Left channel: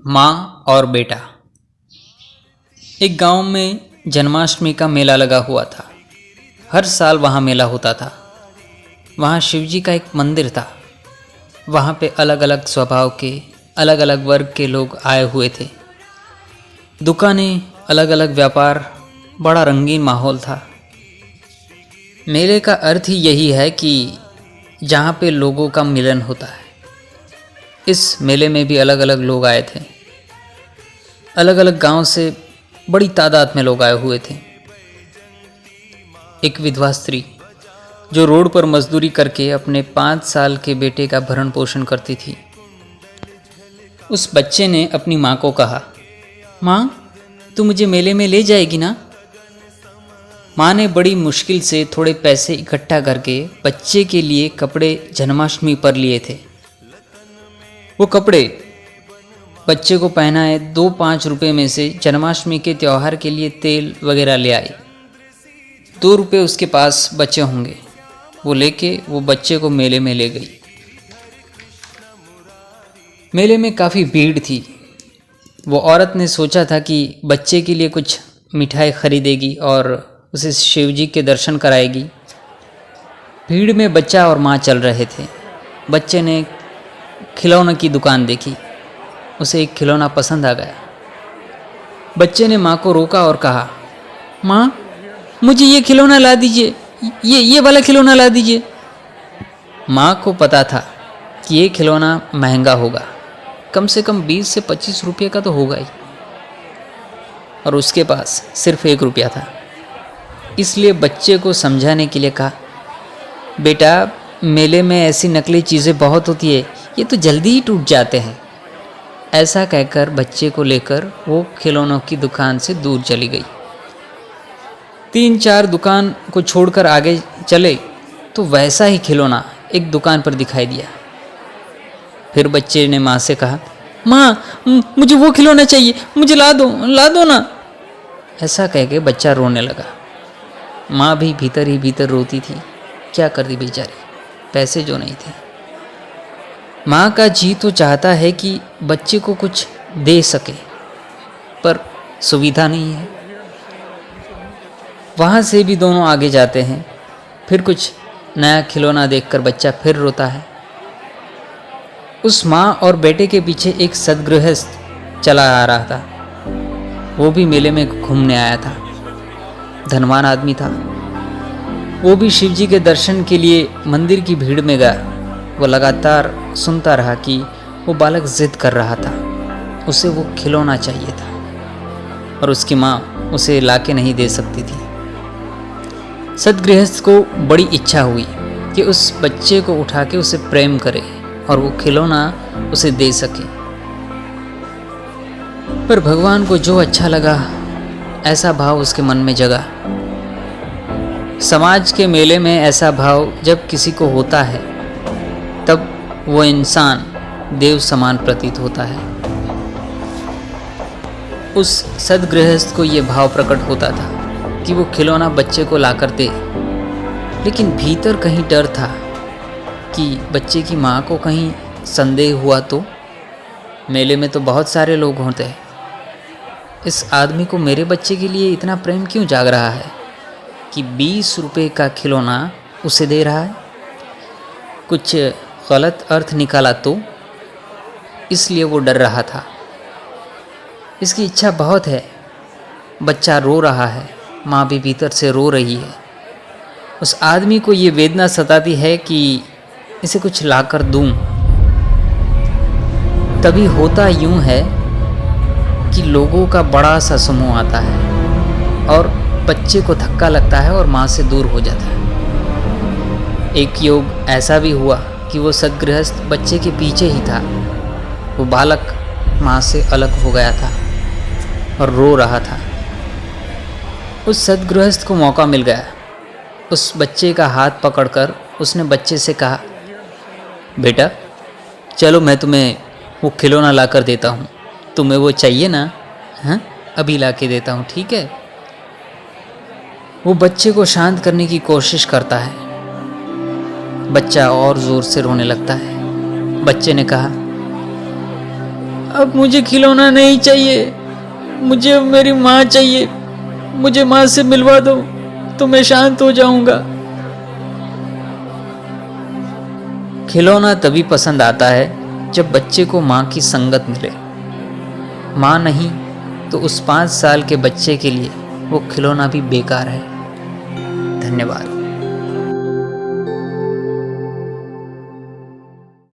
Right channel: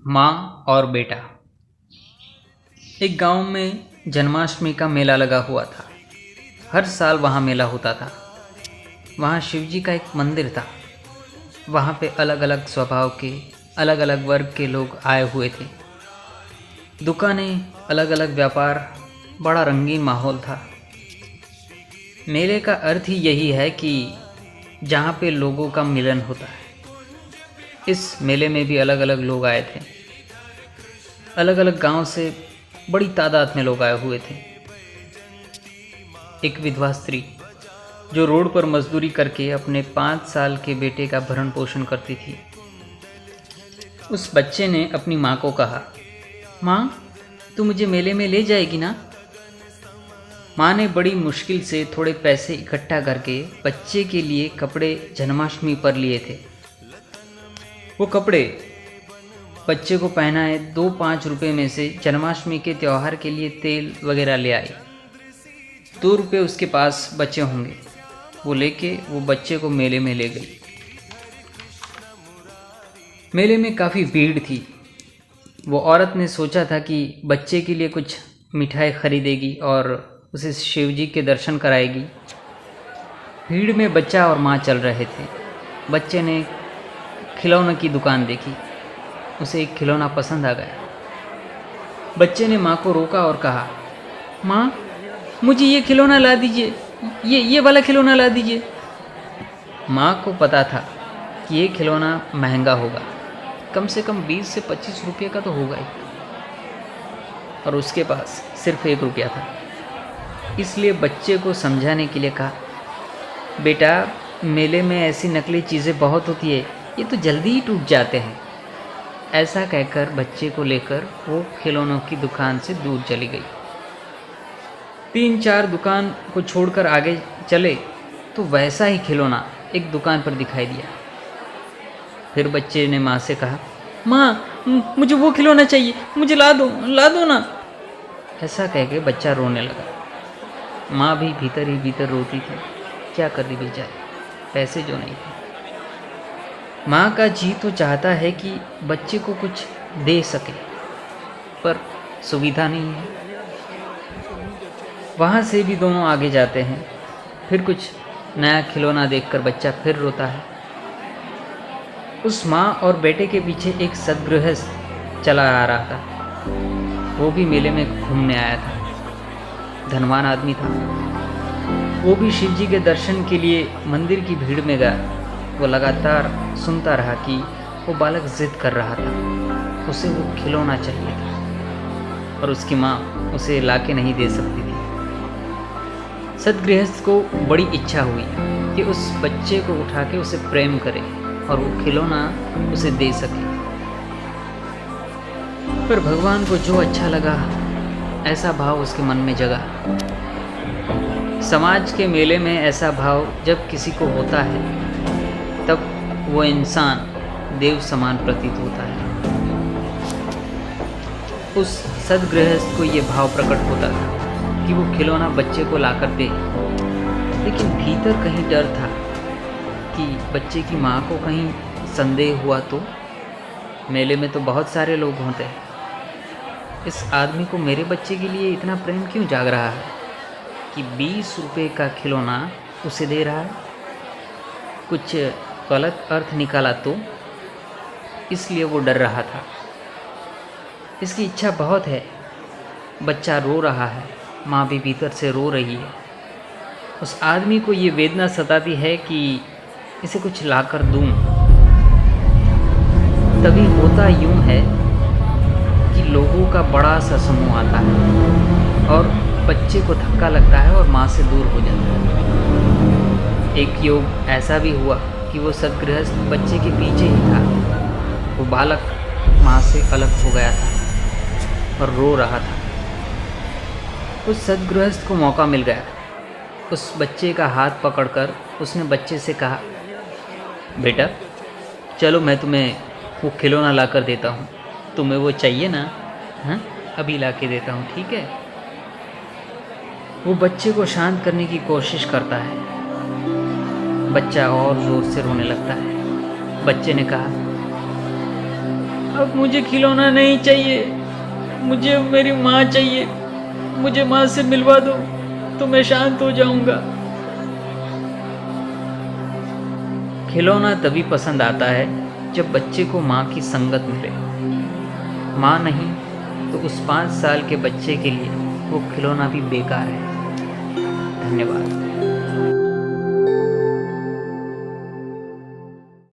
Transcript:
माँ और बेटा। एक गांव में जन्माष्टमी का मेला लगा हुआ था। हर साल वहाँ मेला होता था। वहाँ शिवजी का एक मंदिर था। वहाँ पे अलग अलग स्वभाव के, अलग अलग वर्ग के लोग आए हुए थे। दुकानें, अलग अलग व्यापार, बड़ा रंगीन माहौल था। मेले का अर्थ ही यही है कि जहाँ पे लोगों का मिलन होता है। इस मेले में भी अलग अलग लोग आए थे। अलग अलग गांव से बड़ी तादाद में लोग आए हुए थे। एक विधवा स्त्री जो रोड पर मजदूरी करके अपने 5 साल के बेटे का भरण पोषण करती थी, उस बच्चे ने अपनी माँ को कहा, माँ, तू मुझे मेले में ले जाएगी ना? माँ ने बड़ी मुश्किल से थोड़े पैसे इकट्ठा करके बच्चे के लिए कपड़े जन्माष्टमी पर लिए थे। वो कपड़े बच्चे को पहनाए 2-5 रुपये में से जन्माष्टमी के त्यौहार के लिए तेल वगैरह ले आई। 2 रुपये उसके पास बचे होंगे। वो लेके वो बच्चे को मेले में ले गई। मेले में काफ़ी भीड़ थी। वो औरत ने सोचा था कि बच्चे के लिए कुछ मिठाई खरीदेगी और उसे शिवजी के दर्शन कराएगी। भीड़ में बच्चा और माँ चल रहे थे। बच्चे ने खिलौने की दुकान देखी। उसे एक खिलौना पसंद आ गया। बच्चे ने माँ को रोका और कहा, माँ, मुझे ये खिलौना ला दीजिए, ये वाला खिलौना ला दीजिए। माँ को पता था कि ये खिलौना महंगा होगा, कम से कम 20 से 25 रुपये का तो होगा ही, और उसके पास सिर्फ 1 रुपया था। इसलिए बच्चे को समझाने के लिए कहा, बेटा, मेले में ऐसी नकली चीज़ें बहुत होती है, ये तो जल्दी ही टूट जाते हैं। ऐसा कहकर बच्चे को लेकर वो खिलौनों की दुकान से दूर चली गई। 3-4 दुकान को छोड़कर आगे चले तो वैसा ही खिलौना एक दुकान पर दिखाई दिया। फिर बच्चे ने माँ से कहा, माँ, मुझे वो खिलौना चाहिए, मुझे ला दो ना। ऐसा कह के बच्चा रोने लगा। माँ भी भीतर ही भीतर रोती थी। क्या कर दी बेचारी, पैसे जो नहीं थे। माँ का जी तो चाहता है कि बच्चे को कुछ दे सके, पर सुविधा नहीं है। वहाँ से भी दोनों आगे जाते हैं। फिर कुछ नया खिलौना देखकर बच्चा फिर रोता है। उस माँ और बेटे के पीछे एक सद्गृहस्थ चला आ रहा था। वो भी मेले में घूमने आया था। धनवान आदमी था। वो भी शिवजी के दर्शन के लिए मंदिर की भीड़ में गया। वो लगातार सुनता रहा कि वो बालक जिद कर रहा था। उसे वो खिलौना चाहिए था और उसकी माँ उसे लाके नहीं दे सकती थी। सद्गृहस्थ को बड़ी इच्छा हुई कि उस बच्चे को उठा के उसे प्रेम करे और वो खिलौना उसे दे सके। पर भगवान को जो अच्छा लगा, ऐसा भाव उसके मन में जगा। समाज के मेले में ऐसा भाव जब किसी को होता है, तब वो इंसान देव समान प्रतीत होता है। उस सद्गृहस्थ को ये भाव प्रकट होता था कि वो खिलौना बच्चे को लाकर दे, लेकिन भीतर कहीं डर था कि बच्चे की माँ को कहीं संदेह हुआ तो। मेले में तो बहुत सारे लोग होते हैं। इस आदमी को मेरे बच्चे के लिए इतना प्रेम क्यों जाग रहा है कि 20 रुपये का खिलौना उसे दे रहा है? कुछ गलत अर्थ निकाला तो? इसलिए वो डर रहा था। इसकी इच्छा बहुत है। बच्चा रो रहा है, माँ भी भीतर से रो रही है। उस आदमी को ये वेदना सताती है कि इसे कुछ लाकर दूं। तभी होता यूं है कि लोगों का बड़ा सा समूह आता है और बच्चे को धक्का लगता है और माँ से दूर हो जाता है। एक योग ऐसा भी हुआ कि वो सद्गृहस्थ बच्चे के पीछे ही था। वो बालक माँ से अलग हो गया था और रो रहा था। उस सद्गृहस्थ को मौका मिल गया। उस बच्चे का हाथ पकड़कर उसने बच्चे से कहा, बेटा, चलो मैं तुम्हें वो खिलौना ला कर देता हूँ। तुम्हें वो चाहिए ना? हाँ, अभी ला के देता हूँ, ठीक है? वो बच्चे को शांत करने की कोशिश करता है। बच्चा और ज़ोर से रोने लगता है। बच्चे ने कहा, अब मुझे खिलौना नहीं चाहिए, मुझे मेरी माँ चाहिए, मुझे माँ से मिलवा दो तो मैं शांत हो जाऊंगा। खिलौना तभी पसंद आता है जब बच्चे को माँ की संगत मिले। माँ नहीं तो उस 5 साल के बच्चे के लिए वो खिलौना भी बेकार है। धन्यवाद।